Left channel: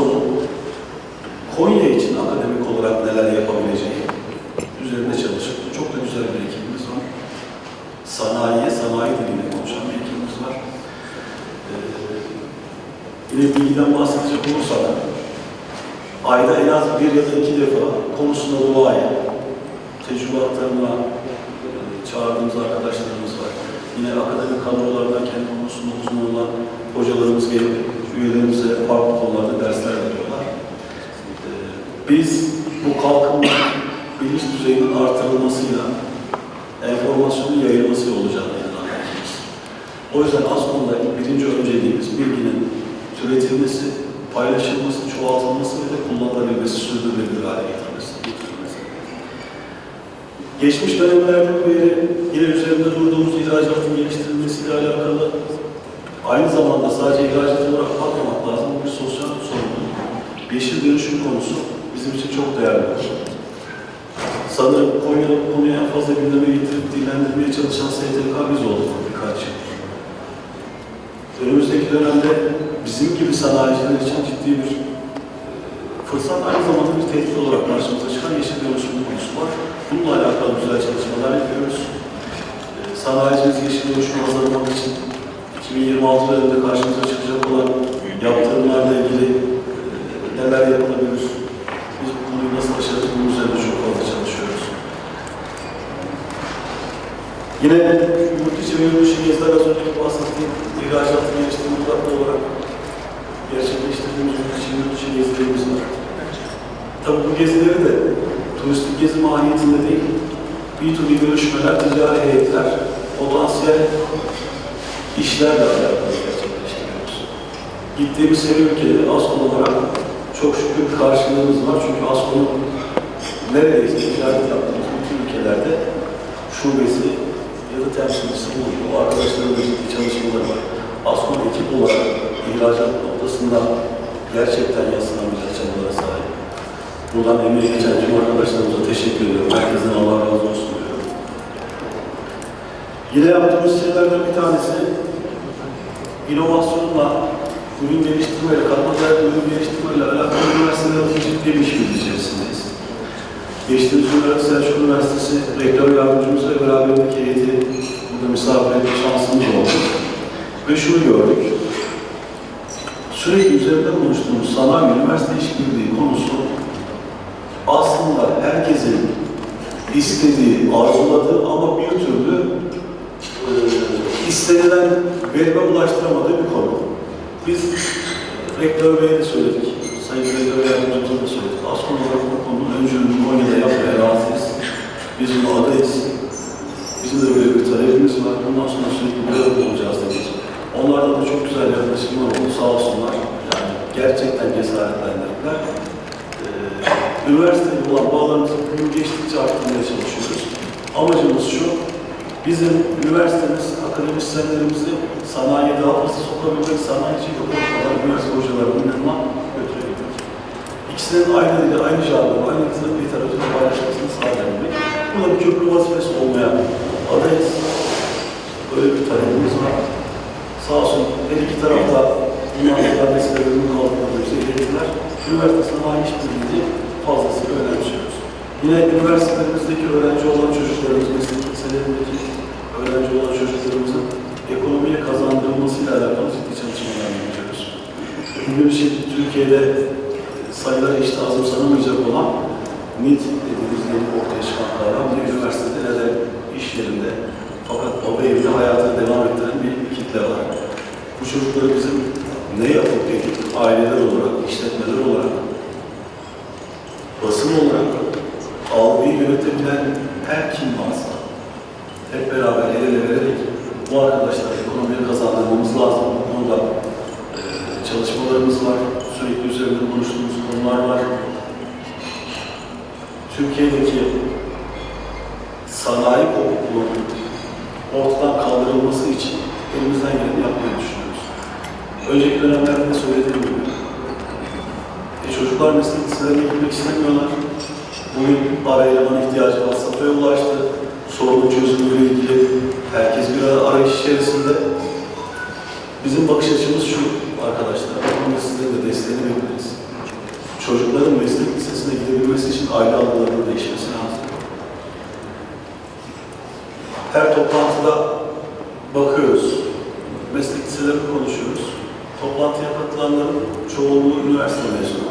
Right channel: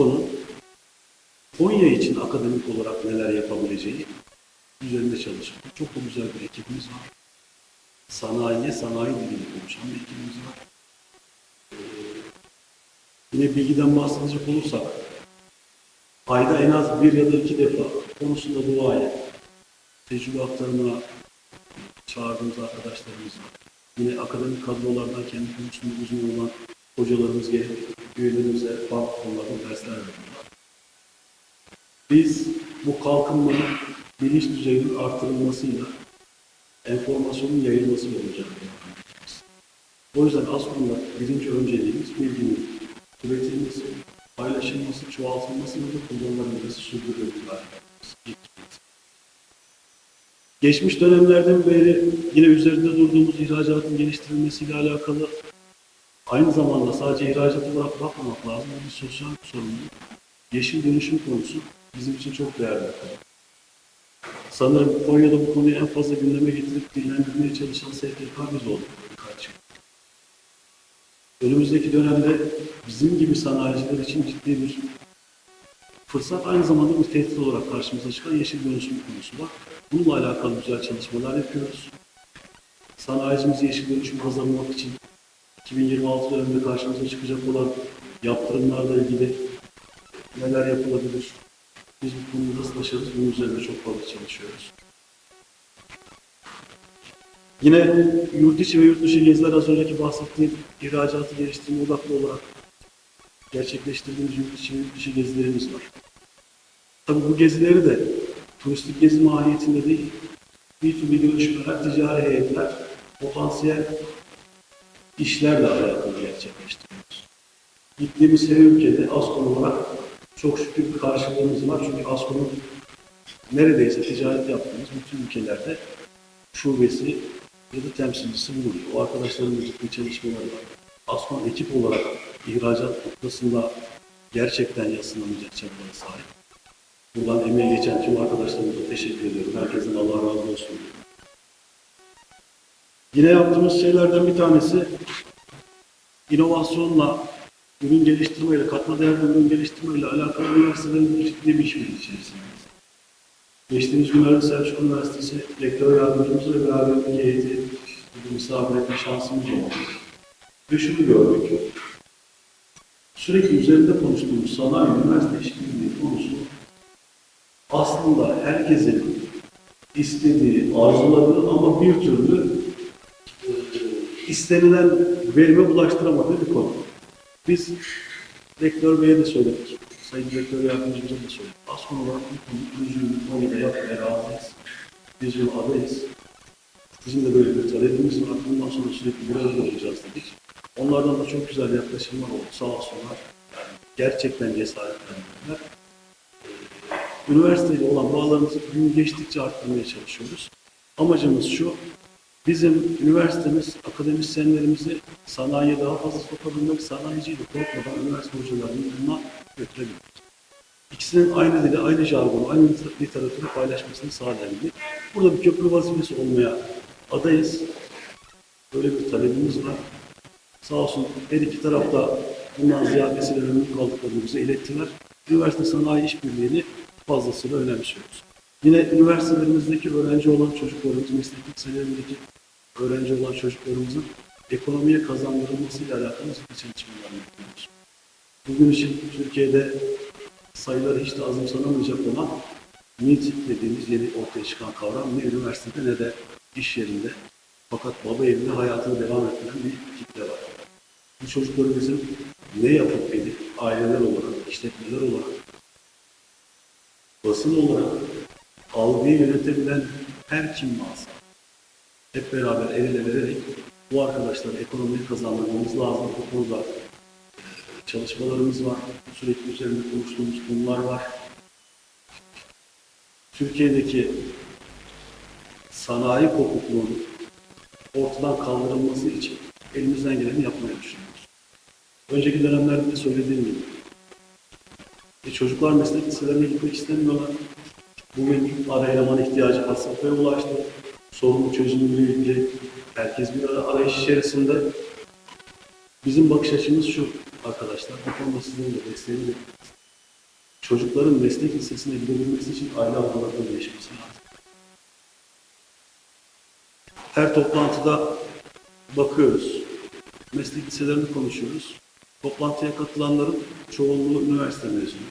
ASKO'nun Konya için akademik olarak neler yapabileceği üzerinde çalışıp çok da güzel bir ekibimiz var. Sanayiye, sanayi diliyle konuşan bir ekibimiz var. Ee, yine bilgiden bahsedecek olursak, ayda en az bir ya da iki defa konusunda duaya, tecrübe aktarımına e, çağırdığımız arkadaşlarımız var. Yine akademik kadrolardan kendi konusunda uzman olan hocalarımız gelip üyelerimize farklı konularda dersler veriyorlar. Ee, Biz bu kalkınma bilinç düzeyinin artırılmasıyla enformasyonun yayılması olacağını inanıyoruz. O yüzden aslında birinci önceliğimiz bilginin türetilmesi, paylaşılması, çoğaltılması ve de kullanılabilmesi, sürdürülebilir hale getirilmesi. Geçmiş dönemlerden beri yine üzerinde durduğumuz ihracatın geliştirilmesiyle alakalı aynı zamanda sadece ihracat olarak bakmamak lazım. Bu bir sosyal sorumluluk. Yeşil dönüşüm konusu bizim için çok değerli. Sanırım Konya'da bu konuyu en fazla gündeme getirip dillendirmeye çalışan STK biz olduk birkaç yıl. Önümüzdeki dönemde bizim gibi sanayiciler için ciddi bir e, fırsat, aynı zamanda bir tehdit olarak karşımıza çıkan yeşil dönüşüm konusu var. Bununla alakalı güzel çalışmalar yapıyoruz. E, Sanayicimiz yeşil dönüşümü hazırlamak için 2026 yılında karşımıza çıkacak olan yaptırımlarla ilgili e, neler yapılabilir, biz bu konuyu nasıl aşarız, bunun üzerinde çok fazla çalışıyoruz. Yine yurt içi ve yurt dışı geziler az önceki bahsettiğim ihracatı geliştirme odaklı olarak gerçekleştirdiğimiz yurt içi yurt dışı gezilerimiz var. Tabii bu gezileri de turistik gezi mahiyetinde değil, B2B görüşmeler, ticari heyetler, potansiyel işlerle alakalı gerçekleştiriyoruz. Gittiğimiz her ülkede ASKO olarak çok şükür karşılığımız var. Çünkü ASKO'nun neredeyse ticaret yaptığımız bütün ülkelerde şubesi ya da temsilcisi bulunuyor. O arkadaşların da ciddi çalışmaları var. ASKO'nun ekip olarak ihracat noktasında gerçekten yatsınamayacak çabalara sahip. Buradan emeği geçen tüm arkadaşlarımıza teşekkür ediyorum. Herkesten Allah razı olsun diyorum. Yine yaptığımız şeylerden bir tanesi inovasyonla, ürün geliştirmeyle, katma değerli ürün geliştirmeyle alakalı üniversitelerin ciddi bir işimiz içerisindeyiz. Geçtiğimiz günlerde Selçuk Üniversitesi rektör yardımcımızla beraberindeki heyeti burada misafir etme şansımız oldu. Ve şunu gördük. Sürekli üzerinde konuştuğumuz sanayi üniversite işbirliği konusu aslında herkesin istediği, arzuladığı ama bir türlü e, istenilen verime ulaştıramadığı bir konu. Biz Rektör Bey'e de söyledik, Sayın Rektör Yardımcımıza da söyledik. Aslında olarak bu konunun öncülüğünü Konya'da yapmaya razıyız. Biz bunu adayız. Bizim de böyle bir talebimiz var. Bundan sonra sürekli bir arada olacağız dedik. Onlardan da çok güzel yaklaşımlar oldu sağ olsunlar. Yani gerçekten cesaretlendirdiler. Ee, üniversiteyle olan bağlarımızı gün geçtikçe arttırmaya çalışıyoruz. Amacımız şu, bizim üniversitemiz, akademisyenlerimizi sanayiye daha fazla sokabilmek, sanayiciyle konuşmadan üniversite hocalarının yanına götürebilmek. İkisinin aynı dili, aynı jargonu, aynı literatürü paylaşmasını sağlayabilmek. Bu da bir köprü vazifesi olmaya adayız. Böyle bir talebimiz var. Sağ olsun her iki tarafta bundan ziyadesiyle memnun kaldıklarını bize ilettiler. Üniversite sanayi işbirliğini fazlasıyla önemsiyoruz. Yine üniversitelerimizdeki öğrenci olan çocuklarımız, meslek liselerindeki öğrenci olan çocuklarımızın ekonomiye kazandırılmasıyla alakalı ciddi çalışmalar yapıyoruz. Bugün için Türkiye'de sayıları işte azımsanamayacak olan MİT dediğimiz yeni ortaya çıkan kavram ne üniversitede ne de iş yerinde fakat baba evinde hayatını devam ettiren bir kitle var. Bu çocukları bizim ne yapıp edip aileler olarak, işletmeler olarak, basın olarak algıyı yönetebilen her kim varsa hep beraber el ele vererek bu arkadaşları ekonomiye kazandırmamız lazım. Burada e, çalışmalarımız var. Sürekli üzerinde konuştuğumuz konular var. Türkiye'deki sanayi kopukluğunun ortadan kaldırılması için elimizden geleni yapmayı düşünüyoruz. Önceki dönemlerde söylediğim gibi e, çocuklar meslek liselerine gitmek istemiyorlar. Bugün para eleman ihtiyacı var, safhaya ulaştı. Sorunun çözümüyle ilgili herkes bir arayış içerisinde. Bizim bakış açımız şu arkadaşlar, bu konuda de desteğini bekleriz. Çocukların meslek lisesine gidebilmesi için aile algılarının değişmesi lazım. Her toplantıda bakıyoruz, meslek liselerini konuşuyoruz. Toplantıya katılanların çoğunluğu üniversite mezunu.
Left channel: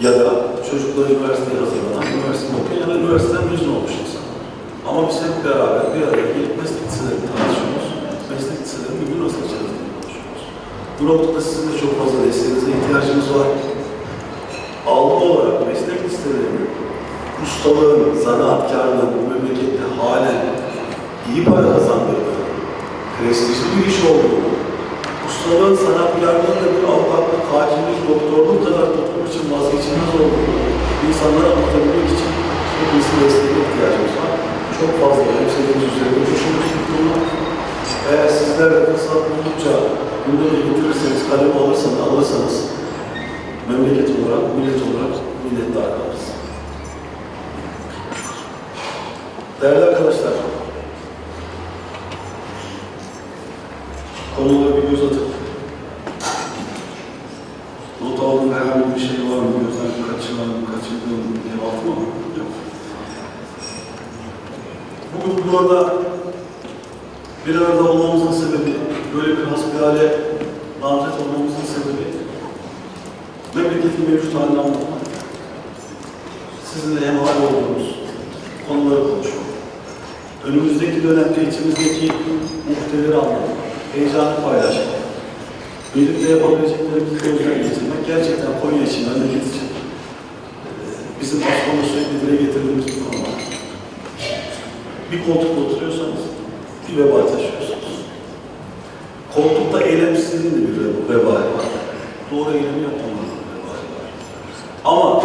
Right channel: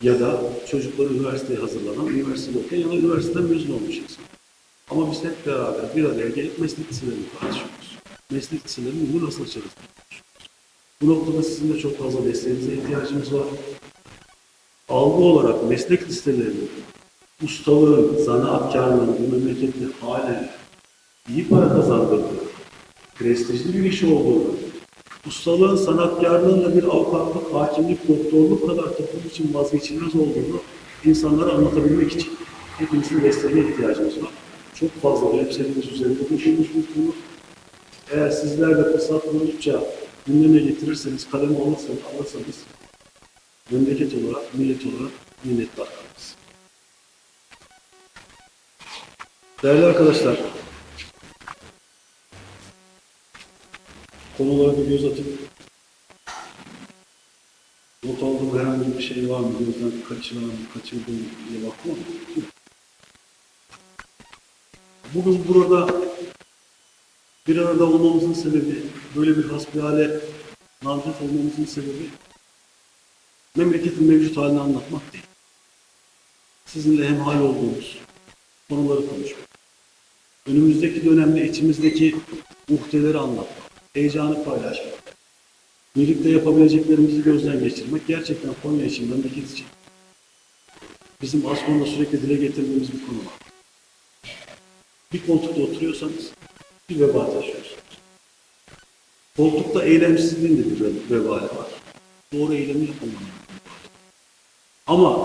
Ya da çocukları üniversiteye hazırlanan, üniversite okuyan ya da üniversiteden mezun olmuş insanlar. Ama biz hep beraber bir araya gelip meslek liselerini tartışıyoruz. Meslek liselerinin ünlü nasıl diye konuşuyoruz. Bu noktada sizin de çok fazla desteğinize ihtiyacımız var. Algı olarak meslek liselerinin ustalığın, zanaatkarlığın bu memlekette halen iyi para kazandığını, prestijli bir iş olduğunu, ustalığın, sanatkarlığın da bir avukatlık, hakimlik, doktorluk kadar toplum için vazgeçilmez olduğunu insanlara anlatabilmek için hepimizin desteğine ihtiyacımız var. Çok fazla önemsediğimiz üzerinde bir konu. Eğer sizler de fırsat buldukça gündeme getirirseniz, kalemi alırsanız, alırsanız memleket olarak, millet olarak minnettar kalırız. Değerli arkadaşlar, konulara bir göz atıp not aldığım herhangi bir şey var mı? Gözden kaçıran, kaçırdığım cevap var mı? Yok. Bugün burada bir arada olmamızın sebebi, böyle bir hasbihale namzet olmamızın sebebi memleketin mevcut halini anlatmak. Sizinle hemhal olduğumuz konuları konuşmak. Önümüzdeki dönemde içimizdeki muhteleri anlatmak, heyecanı paylaşmak, birlikte yapabileceklerimizi gözden geçirmek gerçekten Konya için, memleket için e, bizim aslında sürekli dile getirdiğimiz bir konu var. Bir koltukta oturuyorsanız bir veba taşıyorsunuz. Koltukta eylemsizliğin de bir vebali var. Doğru eylemi var. Ama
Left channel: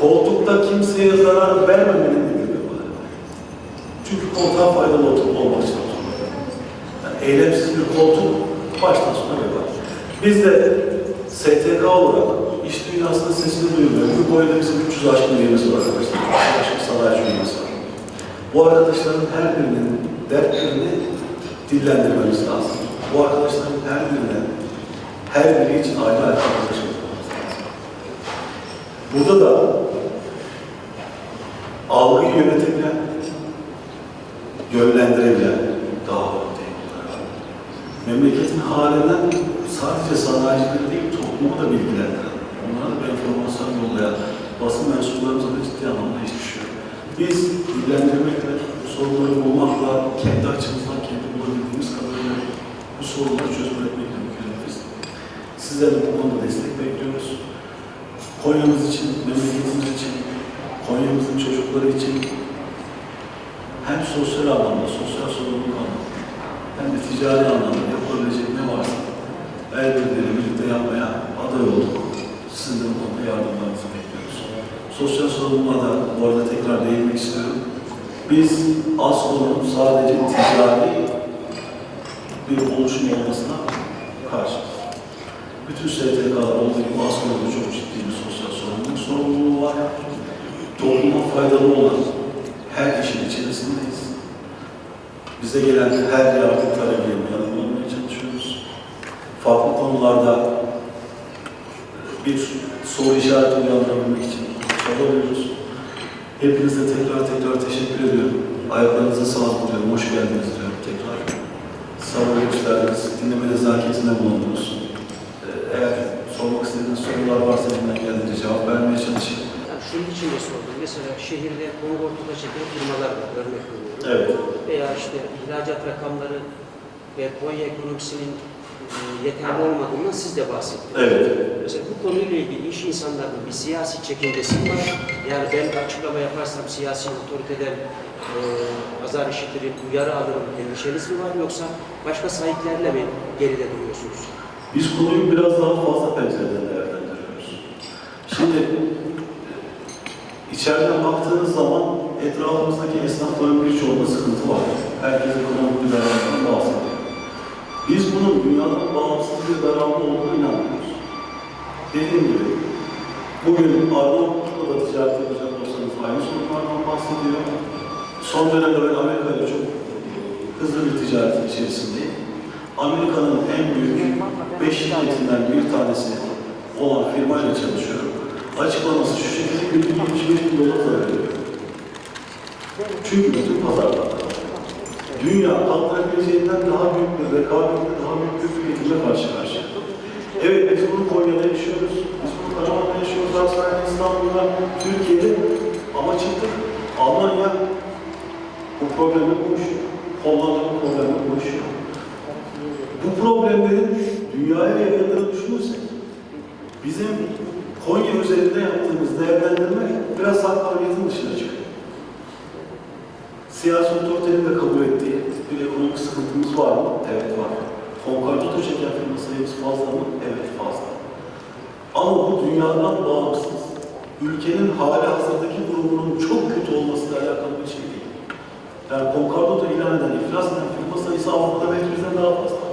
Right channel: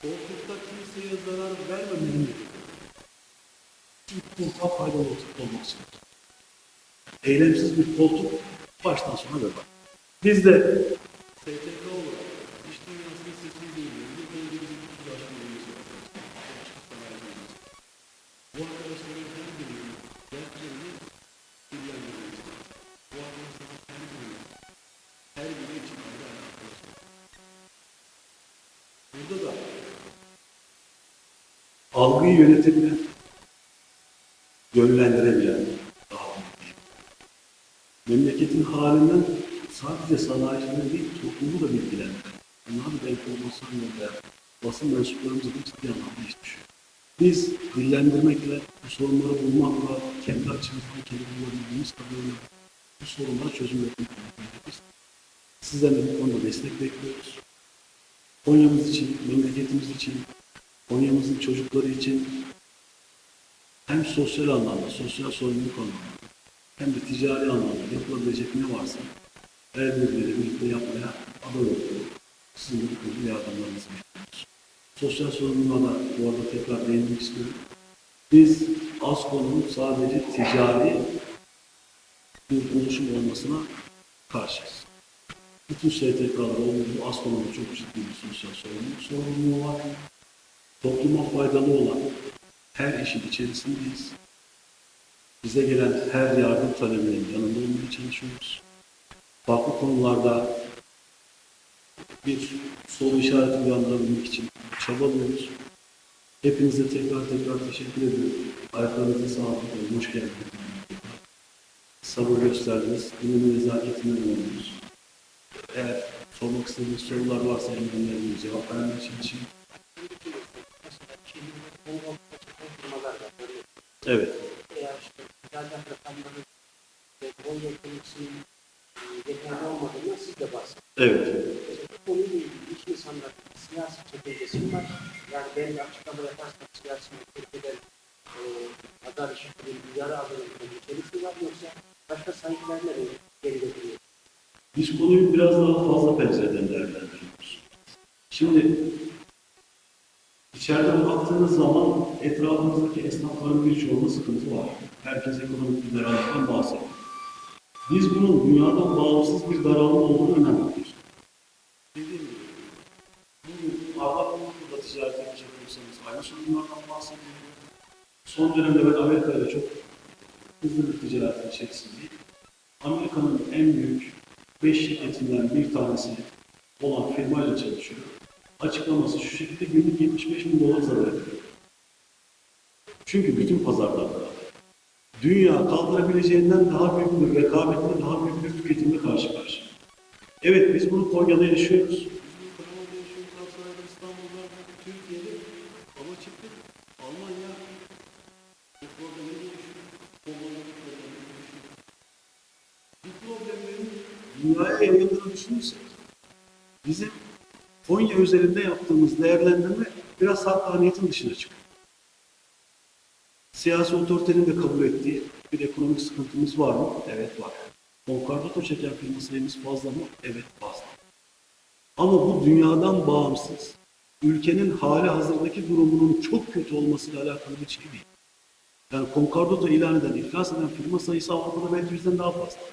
koltukta kimseye zarar vermemenin bir vebali var. Çünkü koltuğa faydalı olmak için. Yani eylemsiz bir koltuk baştan sona vebali. Biz de STK olarak iş dünyasının sesini duyurmuyoruz. Bu boyda bizim 300 aşkın üyemiz var arkadaşlar. 300 aşkın sanayici üyemiz var. Bu arkadaşların her birinin dertlerini dillendirmemiz lazım. Bu arkadaşların her birine, her biri için ayrı ayrı. Burada da algıyı yönetebilen, yönlendirebilen daha değil. Memleketin halinden sadece sanayicileri değil, toplumu da bilgilendiren, onlara da enformasyon yollayan basın mensuplarımıza da ciddi anlamda iş düşüyor. Biz dillendirmekle, sorunları bulmakla, kendi açımızdan kendi bulabildiğimiz kadarıyla bu sorunları çözüm üretmekle mükelleriz. Sizden de bu konuda destek bekliyoruz. Konya'mız için, memleketimiz için, Konya'mızın çocukları için hem sosyal anlamda, sosyal sorumluluk anlamda, hem de ticari anlamda yapılabilecek ne varsa el birliğiyle birlikte yapmaya aday olduk. Sizin de bu konuda yardımlarınızı bekliyoruz. Sosyal sorumluluğa da bu arada tekrar değinmek istiyorum. Biz ASKO'nun sadece ticari bir oluşum olmasına karşıyız. Bütün STK'lar olduğu gibi ASKO'nun da çok ciddi bir sosyal sorumluluk sorumluluğu var. Topluma faydalı olan her işin içerisindeyiz. Bize gelen her yardım talebinin yanında olmaya çalışıyoruz. Farklı konularda bir soru işareti uyandırabilmek için çabalıyoruz. Hepinize tekrar tekrar teşekkür ediyorum. Ayaklarınıza sağlık diyorum. Hoş geldiniz diyorum tekrar. Sabır gösterdiniz. Dinleme nezaketine bulundunuz. Sormak istediğiniz sorular varsa elimden geldiğince cevap vermeye çalışayım. Yani şunun için de sordum. Mesela şehirde kongortuda çeken firmalar var, örnek veriyorum. Evet. Veya işte ihracat rakamları ve Konya ekonomisinin e, yeterli olmadığından siz de bahsettiniz. Evet. Mesela bu konuyla ilgili iş insanlarının bir siyasi çekincesi mi var. Yani ben açıklama yaparsam siyasi otoriteden e, azar işitirim, uyarı alırım endişeniz mi var yoksa başka sahiplerle mi geride duruyorsunuz? Biz konuyu biraz daha fazla pencereden değerlendiriyoruz. Şimdi içeriden baktığınız zaman etrafımızdaki esnafların birçoğunda sıkıntı var. Herkes ekonomik bir daralmadan bahsediyor. Biz bunun dünyadan bağımsız bir daralma olduğuna inanmıyoruz. Dediğim gibi bugün Arnavutlu'da da ticaret yapacak olsanız aynı sorunlardan bahsediyor. Son dönemde ben Amerika ile çok hızlı bir ticaretin içerisindeyim. Amerika'nın en büyük beş şirketinden bir tanesi olan firmayla çalışıyorum. açıklaması şu şekilde günlük 75 bin dolar zarar ediyor. Çünkü bütün pazarlar dünya kaldırabileceğinden daha büyük bir rekabetle, daha büyük bir tüketimle karşı karşıya. Evet biz bunu Konya'da yaşıyoruz, biz bunu Karaman'da yaşıyoruz, Aksaray'da, İstanbul'da, Türkiye'de ama çıktık Almanya bu problemi konuşuyor. Hollanda bu problemi konuşuyor. Düşünürsek bizim Konya üzerinde yaptığımız değerlendirme biraz hakkaniyetin dışına çıkıyor. Siyasi otoritenin de kabul ettiği bir ekonomik sıkıntımız var mı? Evet var. Konkordato çeken firma sayımız fazla mı? Evet fazla. Ama bu dünyadan bağımsız, ülkenin hali hazırdaki durumunun çok kötü olmasıyla alakalı bir şey değil. Yani konkordato ilan eden, iflas eden firma sayısı Avrupa'da bizden daha fazla.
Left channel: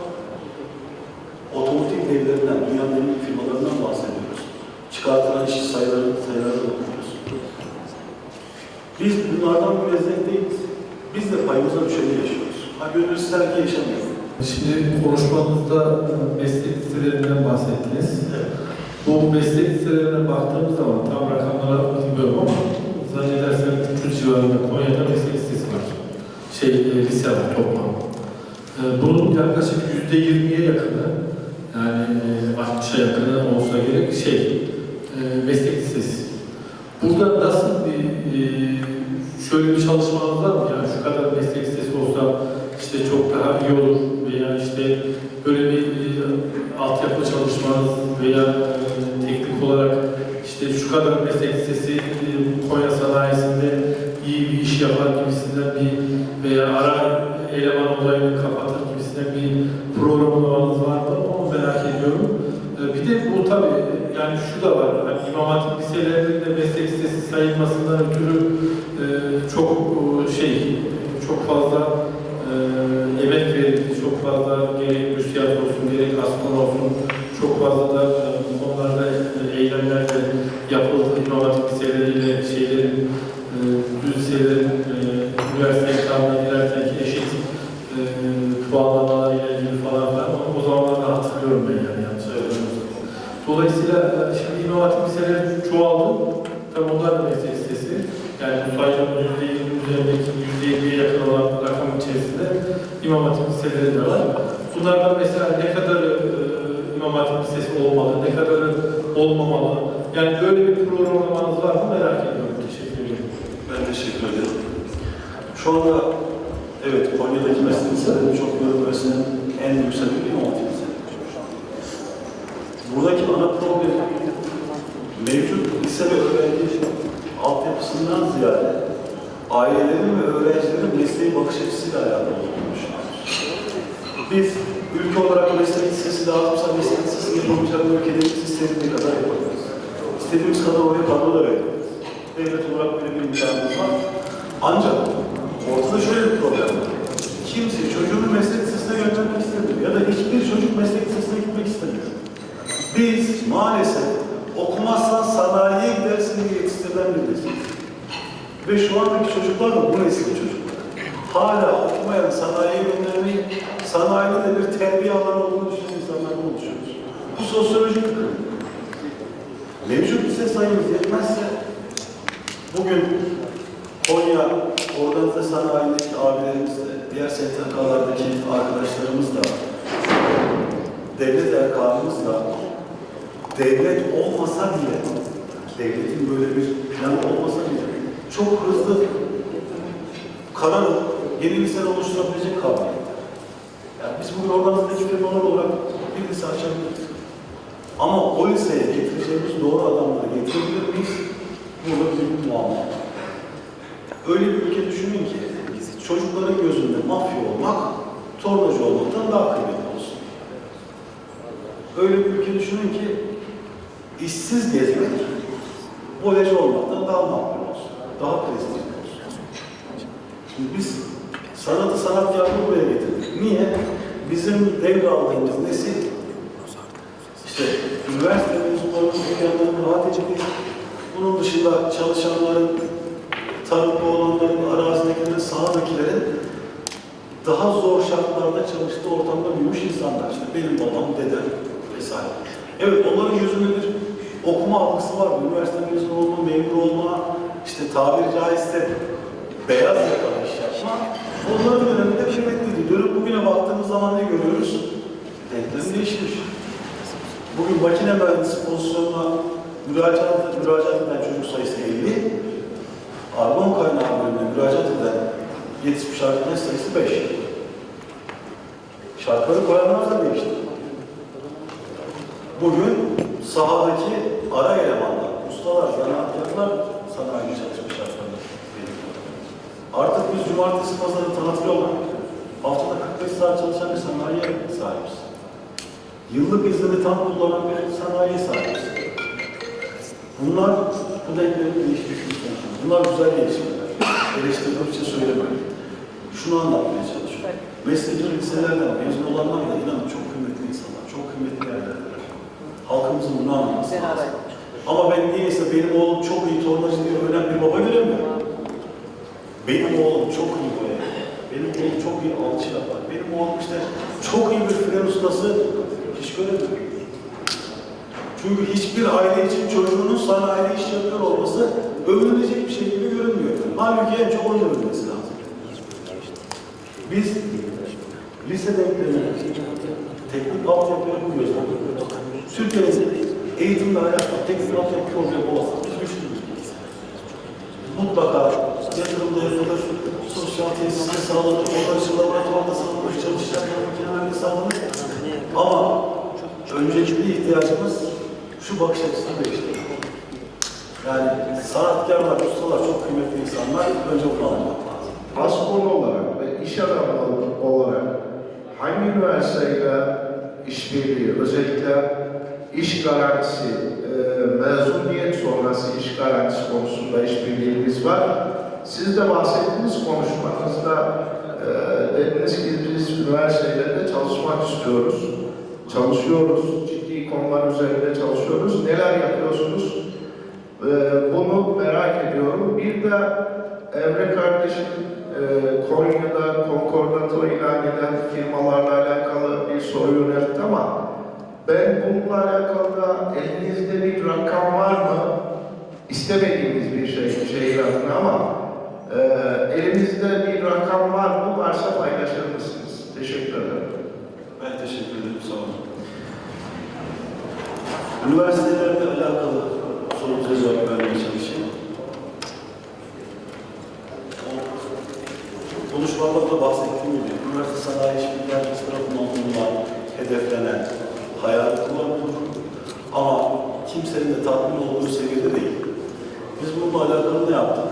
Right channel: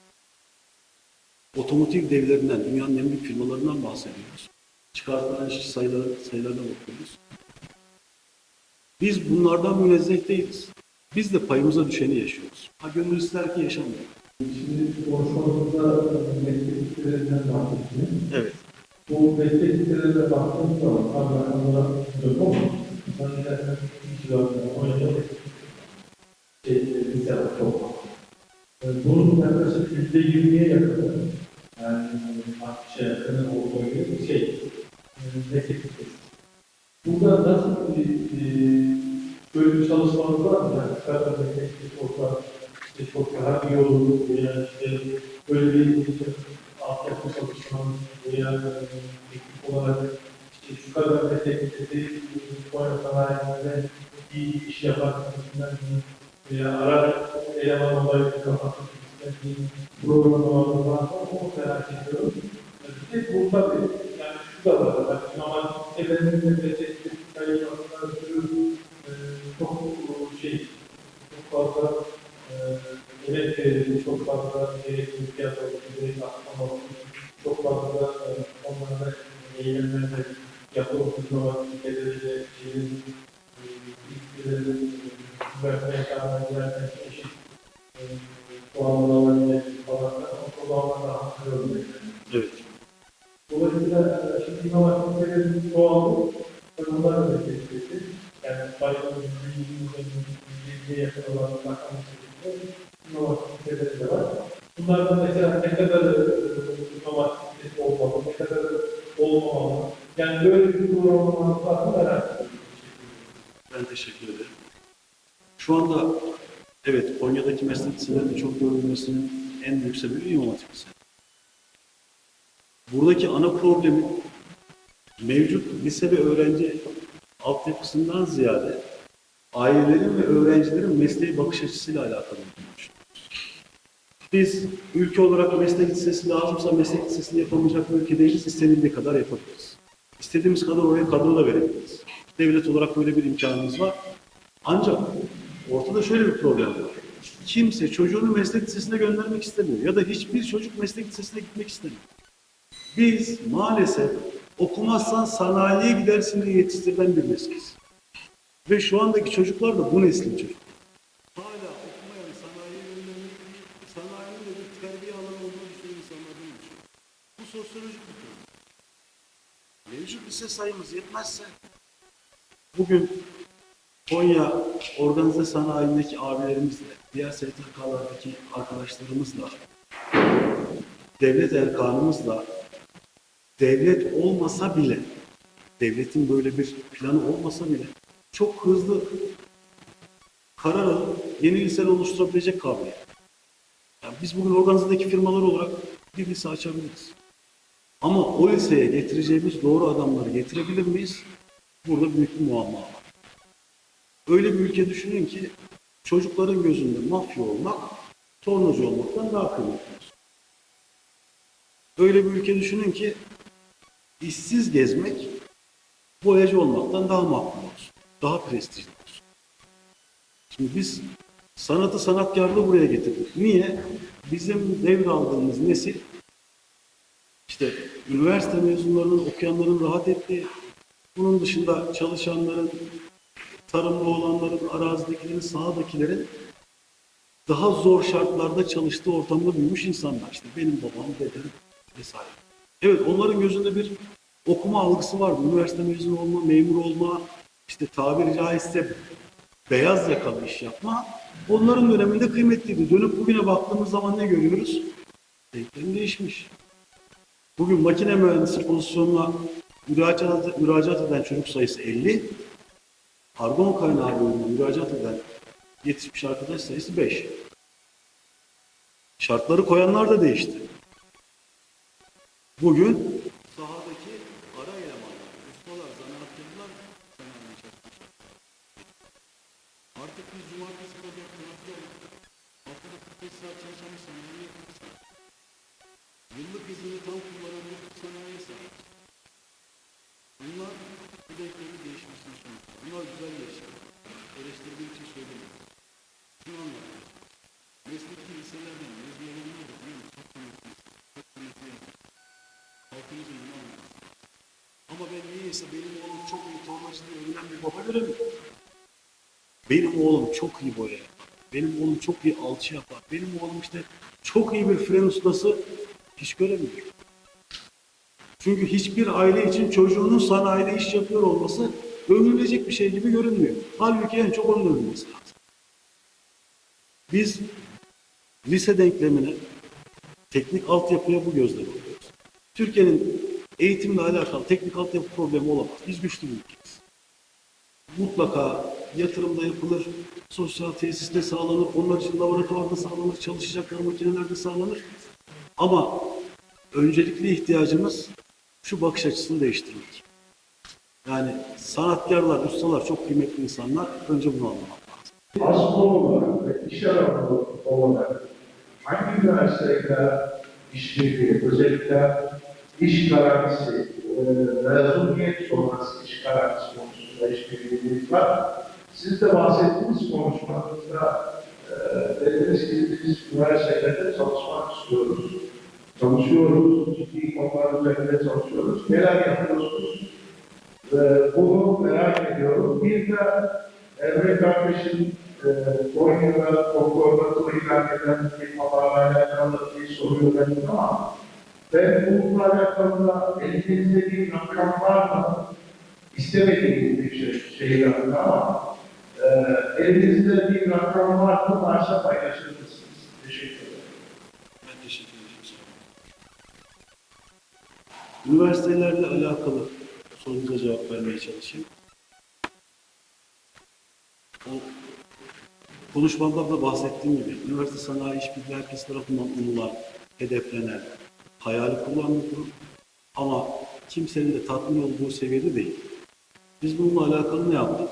Otomotiv devlerinden, dünyanın en büyük firmalarından bahsediyoruz. Çıkartılan iş sayıları, sayıları okuyoruz. Biz bunlardan münezzeh değiliz. Biz de payımıza düşeni yaşıyoruz. Ha gönül ister ki yaşamayalım. Şimdi konuşmanızda meslek listelerinden bahsettiniz. Evet. Bu meslek listelerine baktığımız zaman tam rakamlara bilmiyorum ama zannedersem 300 civarında Konya'da meslek listesi var. Şey, e, lise var toplam. E, bunun yaklaşık %20'ye yakını, yani e, 60'a yakını olsa gerek şey, e, meslek lisesi. Burada nasıl bir, e, şöyle bir çalışmanız var mı? Yani şu kadar meslek lisesi olsa işte çok daha iyi olur veya işte böyle bir e, altyapı çalışmanız veya yapılması inovasyon serileri Buradaki ana problem mevcut lise ve öğrenci altyapısından ziyade ailelerin ve öğrencilerin mesleğe bakış açısıyla alakalı olduğunu. Biz ülke olarak meslek lisesi lazımsa meslek lisesi yapamayacak ülkelerimiz istediğimiz kadar yapabiliriz. İstediğimiz kadar oraya kadro da verebiliriz. Devlet olarak böyle bir imkanımız var. Ancak ortada şöyle bir problem var. Kimse çocuğunu meslek lisesine göndermek istemiyor ya da hiçbir çocuk meslek lisesine gitmek istemiyor. Biz maalesef okumazsan sanayiye gidersin diye yetiştirilen bir nesiliz. Ve şu andaki çocuklar da bu neslin çocuklar. Hala okumayan sanayiye göndermeyi, sanayide de bir terbiye alanı olduğunu düşünen insanlardan oluşuyoruz. Bu sosyolojik. Mevcut lise sayımız yetmezse bugün Konya organize sanayindeki abilerimizle, diğer STK'lardaki arkadaşlarımızla, devlet erkanımızla, devlet olmasa bile, devletin böyle bir planı olmasa bile çok hızlı karar yeni liseler oluşturabilecek kabiliyette. Yani biz bugün organizedeki firmalar olarak bir lise açabiliriz. Ama o liseye getireceğimiz doğru adamları getirebilir miyiz? Burada büyük bir muamma var. Öyle bir ülke düşünün ki çocukların gözünde mafya olmak, tornacı olmaktan daha kıymetli olsun. Öyle bir ülke düşünün ki işsiz gezmek, voleyci olmaktan daha makbul olsun. Daha prestijli olsun. Şimdi biz sanatı sanat yargı buraya getirdik. Niye? Bizim devraldığımız nesil işte üniversite mezunlarının, okuyanların rahat ettiği, bunun dışında çalışanların, tarımda olanların, arazidekilerin, sahadakilerin daha zor şartlarda çalıştığı ortamda büyümüş insanlar. İşte benim babam, dedem vesaire. Evet onların gözünde bir diploma algısı vardı. Üniversite mezunu olma, memur olma, işte tabiri caizse beyaz yakalı iş yapma. Onların döneminde kıymetliydi. Dönüp bugüne baktığımız zaman ne görüyoruz? Denklem değişmiş. Bugün makine mühendisi pozisyonuna müracaat, müracaat eden çocuk sayısı 50. Argon kaynağı bölümüne müracaat eden yetişmiş arkadaş sayısı 5. Şartları koyanlar da değişti. Bugün sahadaki ara elemanlar, ustalar, zanaatkarlar sanayi çalışma şartlarında. Artık biz cumartesi pazarı tatil olan, haftada 45 saat çalışan bir sanayiye sahibiz. Yıllık iznini tam kullanan bir sanayiye sahibiz. Bunlar bu denklemin değişmiş bir sonucu. Bunlar güzel gelişmeler. Eleştirmek için söylemiyorum. Şunu anlatmaya çalışıyorum. Mesleki liselerden mezun olanlar da inanın çok kıymetli insanlar, çok kıymetli yerlerdeler. Halkımızın bunu anlaması lazım. Ama ben niyeyse benim oğlum çok iyi tornacı diye ölen bir baba göremiyorum. Benim oğlum çok iyi boyar. Benim oğlum çok iyi alçı yapar. Benim oğlum işte çok iyi bir fren ustası hiç göremiyorum. Çünkü hiçbir aile için çocuğunun sanayide iş yapıyor olması övünülecek bir şey gibi görünmüyor. Halbuki en çok onun övülmesi lazım. Biz lise denklemine, teknik altyapıya bu gözle bakıyoruz. Türkiye'nin eğitimle alakalı teknik altyapı problemi olan biz güçlüyüz. Mutlaka yatırımda yapılır, sosyal tesiste sağlanır, onlar için laboratuvarda sağlanır, çalışacaklar makinelerde sağlanır. Ama öncelikli ihtiyacımız şu bakış açısını değiştirmek. Yani sanatkarlar, ustalar çok kıymetli insanlar. Önce bunu anlamak lazım. Masum olarak ve iş adamı olarak hangi üniversiteyle işbirliği, özellikle iş garantisi, e, mezuniyet sonrası iş garantisi konusunda işbirliğimiz var. Siz de bahsettiğiniz konuşmanızda e, dediniz ki biz üniversitelerde çalışmak istiyoruz, çalışıyoruz, ciddi konular üzerinde çalışıyoruz. Neler yapıyorsunuz? E, bunu merak ediyorum. Bir de Emre kardeşim e, Konya'da konkordatör ilan eden firmalarla alakalı bir soru yöneltti ama ben bununla alakalı da elinizde bir rakam var mı? İstemediğimiz bir şey, şey rakam ama e, elinizde bir rakam var mı? Varsa paylaşır mısınız? Teşekkür ederim. Ben teşekkür ederim. Sağ olun. Üniversitelerle alakalı sorunuza cevap vermeye çalışayım. O konuşmamda da bahsettiğim gibi üniversite sanayi işbirliği herkes tarafından bulunan, hedeflenen, hayal durum. Ama kimsenin de tatmin olduğu seviyede değil. Biz bununla alakalı ne yaptık?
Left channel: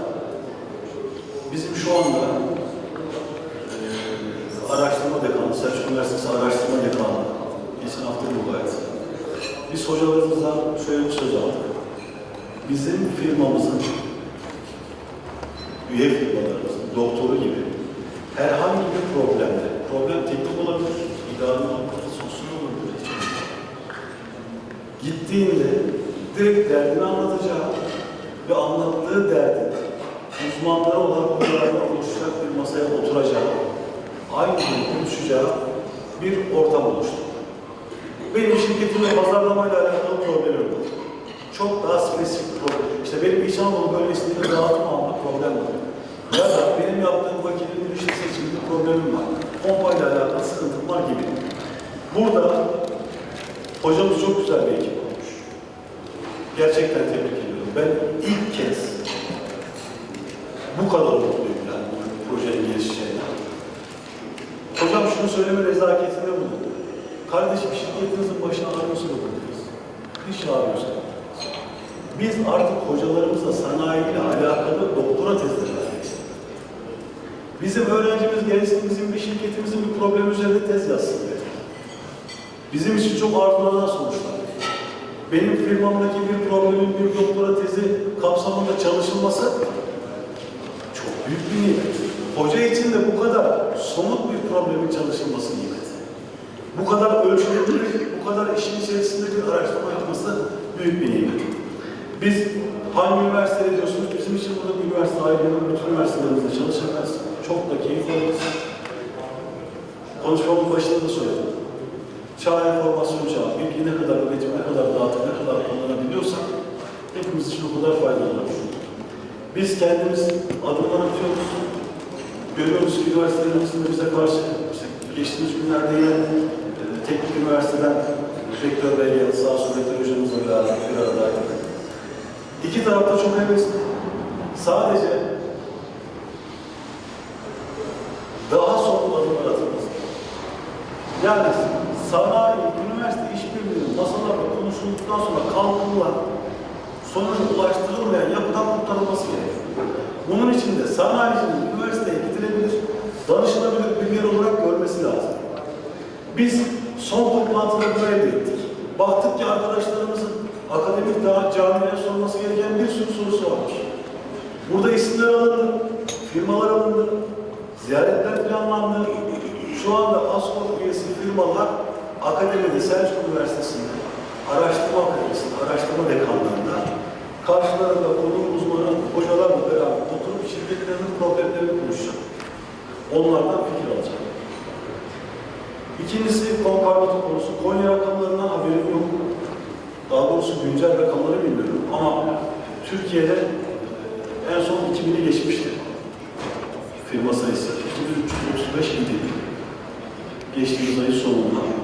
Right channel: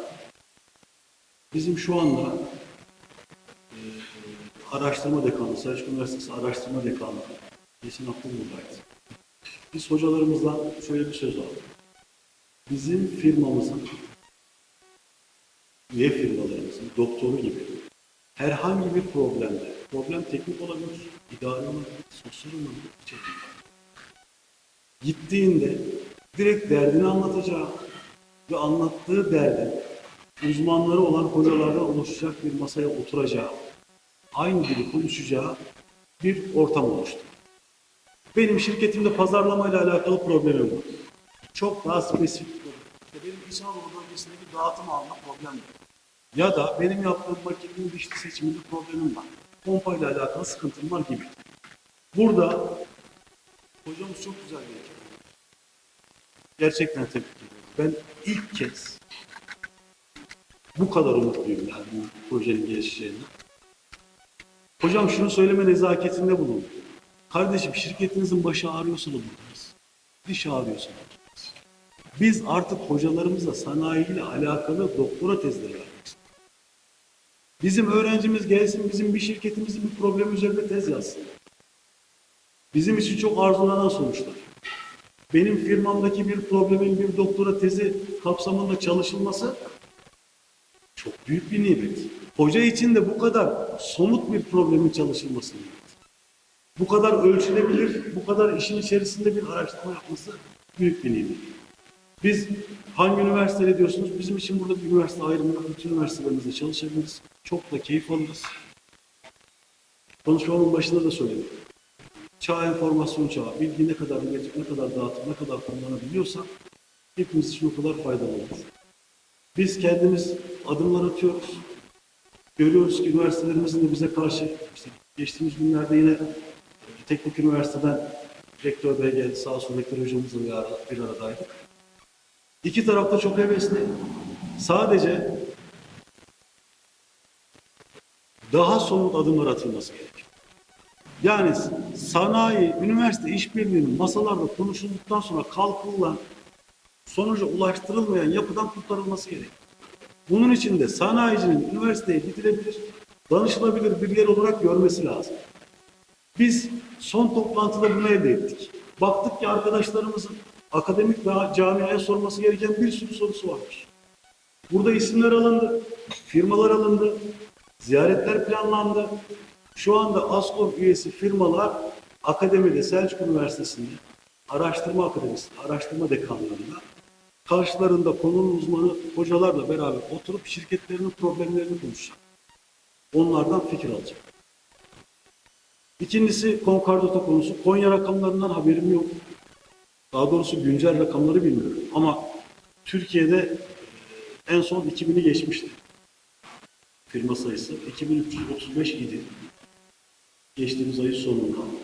Bizim şu anda eee, araştırma dekanı, Selçuk Üniversitesi Araştırma Dekanı, geçen hafta buradaydı. Biz hocalarımızdan şöyle bir söz aldık. Bizim firmamızın, üye firmalarımızın, doktoru gibi herhangi bir problemde, problem teknik olabilir, idari olabilir, sosyal olabilir. Gittiğinde direkt derdini anlatacağı ve anlattığı derdi uzmanları olan hocalarla oluşacak bir masaya oturacağı, aynı gibi konuşacağı bir ortam oluştu. Benim şirketimle pazarlamayla alakalı problemim yok. Çok daha spesifik problem. İşte benim İç Anadolu bölgesinde dağıtım alma problem var. Ya da benim yaptığım makinenin dışı seçiminde problemim var. Pompayla alakalı sıkıntım var gibi. Burada hocamız çok güzel bir ekip olmuş. Gerçekten tebrik ediyorum. Ben ilk kez bu kadar mutluyum yani bu projenin gelişeceğine. Hocam şunu söyleme nezaketinde bulundu. Kardeşim şirketinizin başı ağrıyorsa da bulunuruz. İş ağrıyorsa da. Biz artık hocalarımızla sanayiyle alakalı doktora tezleri istiyoruz. Bizim öğrencimiz gelsin bizim bir şirketimizin bir problemi üzerinde tez yazsın dedi. Bizim için çok arzulanan sonuçlar. Benim firmamdaki bir problemin bir doktora tezi kapsamında çalışılması çok büyük bir nimet. Hoca için de bu kadar somut bir problemin çalışılması nimet. Bu kadar ölçülebilir, bu kadar işin içerisinde bir araştırma yapması büyük bir nimet. Biz hangi üniversitede diyorsunuz? Bizim için burada bir üniversite ayrı, bütün üniversitelerimizde çalışabiliriz. Çok da keyif alırız. Konuşmamın başında da söyledim. Çağ enformasyon çağı, bilgi ne kadar üretip, ne kadar dağıtıp, ne kadar kullanabiliyorsak hepimiz için o kadar faydalı olur. Biz kendimiz adımlar atıyoruz. Görüyoruz ki üniversitelerimizin de bize karşı işte geçtiğimiz günlerde yine e, teknik üniversiteden rektör bey geldi. Sağ olsun rektör hocamızla beraber bir aradaydık. İki tarafta çok hevesli. Sadece daha somut adımlar atılması gerekiyor. Yani sanayi, üniversite işbirliğinin masalarda konuşulduktan sonra kalkınılan, sonuca ulaştırılmayan yapıdan kurtarılması gerekiyor. Bunun için de sanayicinin üniversiteye gidilebilir, danışılabilir bir yer olarak görmesi lazım. Biz son toplantıda bunu elde. Baktık ki arkadaşlarımızın akademik daha camiye sorması gereken bir sürü sorusu varmış. Burada isimler alındı, firmalar alındı, ziyaretler planlandı. Şu anda ASKOP üyesi firmalar akademide Selçuk Üniversitesi'nde, araştırma akademisinde, araştırma dekanlığında karşılarında konunun uzmanı hocalarla beraber oturup şirketlerin problemlerini konuşacak. Onlardan fikir alacak. İkincisi konkordato konusu. Konya rakamlarından haberim yok. Daha doğrusu güncel rakamları bilmiyorum. Ama Türkiye'de en son 2000'i geçmişti. Firma sayısı 2335 idi. Geçtiğimiz ayın sonunda.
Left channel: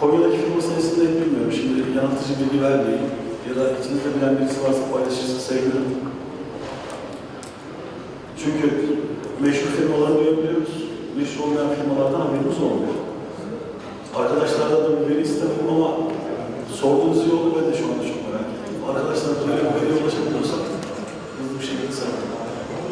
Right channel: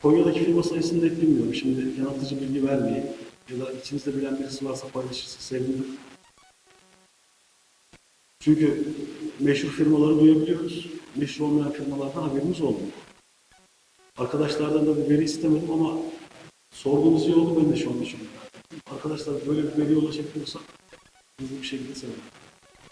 Konya'daki firma sayısını hep bilmiyorum. Şimdi yanıltıcı bilgi vermeyeyim. Ya da içinizde bilen birisi varsa paylaşırsa sevinirim. Çünkü meşhur firmaları duyabiliyoruz. Meşhur olmayan firmalardan haberimiz olmuyor. Arkadaşlardan da bir veri istemedim ama sorduğunuz iyi oldu. Ben de şu anda çok merak. Arkadaşlar böyle bir veriye ulaşabiliyorsak hızlı bir şekilde sana.